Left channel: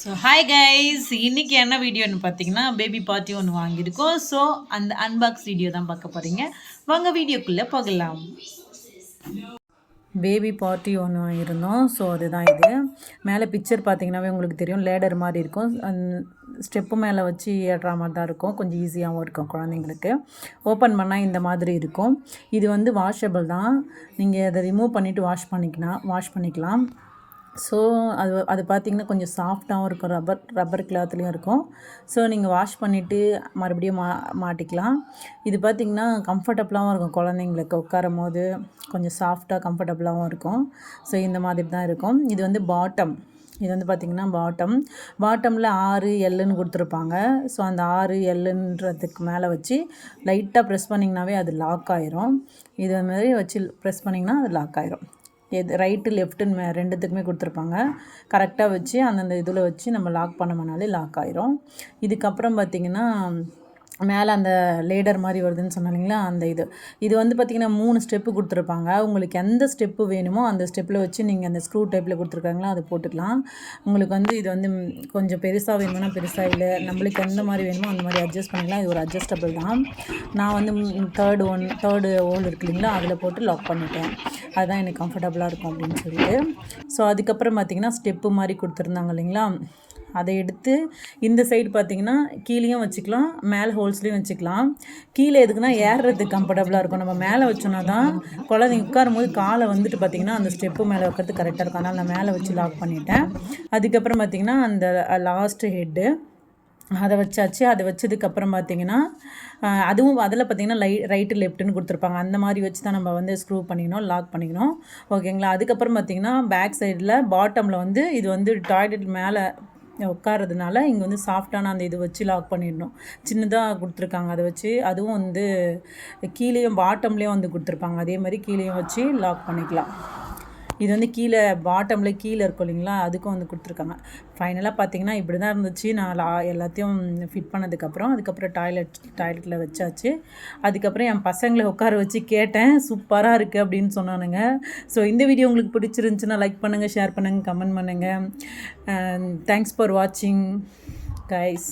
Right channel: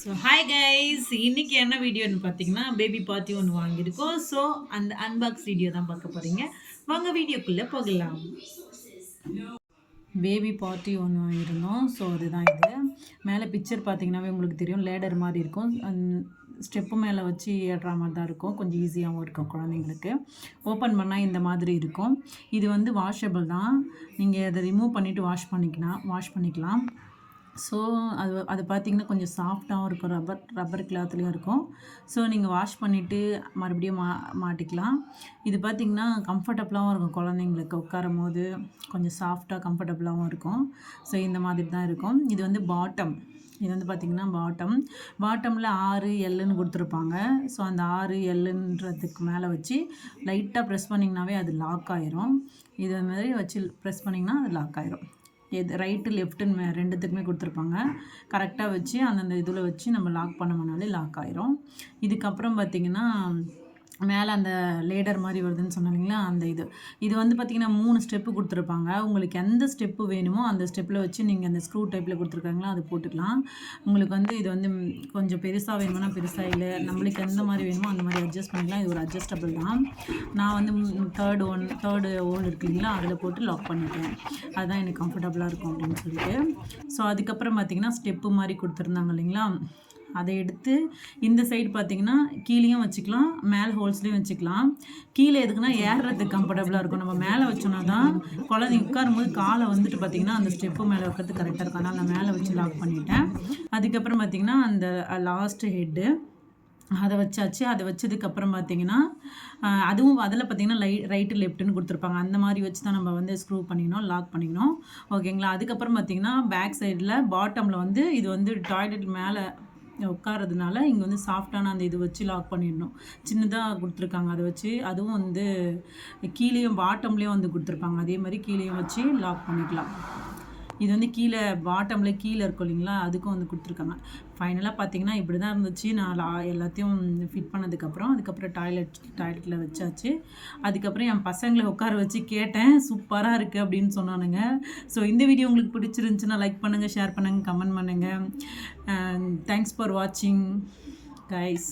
So hi guys, இன்னைக்கு என்ன வீடியோன்னு பார்த்தீங்கன்னா பேபி பார்ட்டி ஒன்று வாங்கியிருக்கோம். ஸோ அந்த அன்பாக்ஸ் வீடியோ தான் பார்க்க போகிறீங்க. வாங்க வீடியோக்குள்ளே போகலாம். பேபி பார்ட்டி ஒன்று வாங்கியிருந்தோம். ஸோ அதுதான் இது. மேலே பிக்சர் பார்த்தீங்கன்னாவே உங்களுக்கு தெரியும், லேடர் மாதிரி இருக்கும். ஸ்டெப்பு மேலே வச்சு ஏறுற மாதிரி தான் இருக்கும். கொஞ்சம் ஈஸியாகவும் இருக்கும் குழந்தைங்களுக்கு. ஓப்பன் பண்ணால் இந்த மாதிரி இருக்கும். இது வந்து வாஷபிள் தான். நீங்கள் அதை ரிமூவ் பண்ணிவிட்டு வாஷ் பண்ணிக்கலாம். ஸோ அது பார்த்திங்கன்னா கொஞ்சம் சாஃப்டாகவும் இருக்கும். ரப்பர் கிளாத்லேயும் இருக்கும். ஸோ நீங்கள் வாஷ் பண்ணிவிட்டு மறுபடியும் மாட்டிக்கலாம். இது பார்த்திங்கன்னா கம்ஃபர்டபுளாகவும் இருக்கும். குழந்தைங்களுக்கு உட்காரும் போது கொஞ்சம் சாஃப்டாக கம்ஃபர்டபுளாகவும் இருக்கும். ஸோ இந்த மாதிரி தான் இருக்கும். இது வந்து பாட்டம். இது வந்து பார்த்திங்கன்னா பாட்டமில் 6 எல்லுன்னு கொடுத்துருப்பாங்க. ஸோ அந்த 6 எல்லுன்றதுக்கு மேலே வச்சு லைட்டாக ப்ரெஸ் பண்ணிங்கனாவே அது லாக் ஆயிரும். இது மாதிரி வச்சு ப்ரெஸ் பண்ணிங்கன்னா அது லாக் ஆயிரும். ரைட்டு லெஃப்ட்டுன்னு ரெண்டுத்துக்குமே கொடுத்துருப்பாங்க. கரெக்டாக வச்சு அந்தந்த இதில் வச்சு நம்ம லாக் பண்ணோம்னாலே லாக் ஆயிரும். இதுக்கப்புறம் பார்த்திங்கன்னா மேலே அந்த லேடர் மாதிரி வருதுன்னு சொன்னாலிங்களா, அந்த இது வந்து பார்த்திங்கன்னா 3 ஸ்டெப்பு கொடுத்துருப்பாங்க. உங்களுக்கு எந்த ஸ்டெப்பு வேணுமோ அந்த ஸ்டெப்பில் வச்சு நீங்கள் அந்த ஸ்க்ரூ டைப்பில் கொடுத்துருக்காங்களோ அதை போட்டுக்கலாம். உங்களுக்கு வந்து இது வந்து கொஞ்சம் பெருசாக வேணும்னா பெருசாக, இல்லை நம்மளுக்கு எந்த மாதிரி வேணுமோ அந்த மாதிரி அட்ஜஸ்ட் பண்ணிக்கலாம். இது ஒரு அட்ஜஸ்டபிள் தான். நான் வந்து தேர்டு ஹோல் இருக்கு இல்லைங்களா, அதில் போட்டு லாக் பண்ணிட்டேன். அதுதான் எனக்கு கம்ஃபர்டபுளாக இருக்கும் அப்படின்னு சொல்லிட்டு. ஸோ அதுக்கப்புறம் பார்த்திங்கன்னா ஸ்டெப்பு மாதிரி கொடுத்துருந்தாங்க இல்லைங்களா, அதை எடுத்து இந்த சைடு பார்த்திங்கன்னா கீழேயும் வச்சுக்கலாம், மேலே ஹோல்ஸ்லேயும் வச்சுக்கலாம். கீழே எதுக்குன்னா ஏறுறதுக்கு கம்ஃபர்டபுளாக இருக்கும். நம்ம மேலே வச்சோன்னா தான் குழந்தைங்க உட்காரும் போது காலை வந்துட்டு பார்த்திங்கன்னா அந்த ஸ்டெப்பு மேலே வைக்கிறதுக்கு கரெக்டாக இருக்கும். அதனால் நான் மேலே வச்சு லாக் பண்ணிட்டேன். அதுக்கப்புறம் பார்த்திங்கன்னா அந்த லாஸ்ட்டு ஹெட்டு அதை வச்சாச்சு. அதை வச்சதுக்கப்புறம் பார்த்திங்கன்னா அதுவும் அதில் பார்த்திங்கன்னா ரைட்டு லெஃப்ட்டுன்னு கொடுத்துருப்பாங்க. அந்த மாதிரி வச்சு தான் நம்ம வந்து ஸ்க்ரூ பண்ணிக்கணும், லாக் பண்ணிக்கணும். ஓகேங்களா. அதுக்கப்புறம் பார்த்திங்கன்னா பேக் சைடில் பாட்டமில் வந்து இது வந்து டாய்லெட் மேலே உட்காரதுனால இங்கே வந்து சாஃப்டான அந்த இது வச்சு லாக் பண்ணிடணும். சின்னதாக கொடுத்துருக்காங்க. அதை வச்சு அதுவும் வந்து கீழேயும் பாட்டம்லேயும் வந்து கொடுத்துருப்பாங்க. அதே மாதிரி கீழேயும் வச்சு லாக் பண்ணிக்கலாம். இது வந்து கீழே பாட்டமில் கீழே இருக்கும் இல்லைங்களா, அதுக்கும் வந்து கொடுத்துருக்காங்க. ஃபைனலாக பார்த்திங்கன்னா இப்படி தான் இருந்துச்சு. நான் எல்லாத்தையும் ஃபிட் பண்ணதுக்கப்புறம் அதுக்கப்புறம் டாய்லெட்டில் வச்சாச்சு. அதுக்கப்புறம் என் பசங்களை உட்கார வச்சு கேட்டேன், சூப்பராக இருக்குது அப்படின்னு சொன்னானுங்க. ஸோ இந்த வீடியோ உங்களுக்கு பிடிச்சிருந்துச்சுன்னா லைக் பண்ணுங்கள், ஷேர் பண்ணுங்கள், கமெண்ட் பண்ணுங்கள். தேங்க்ஸ் ஃபார் வாட்சிங் கைஸ்.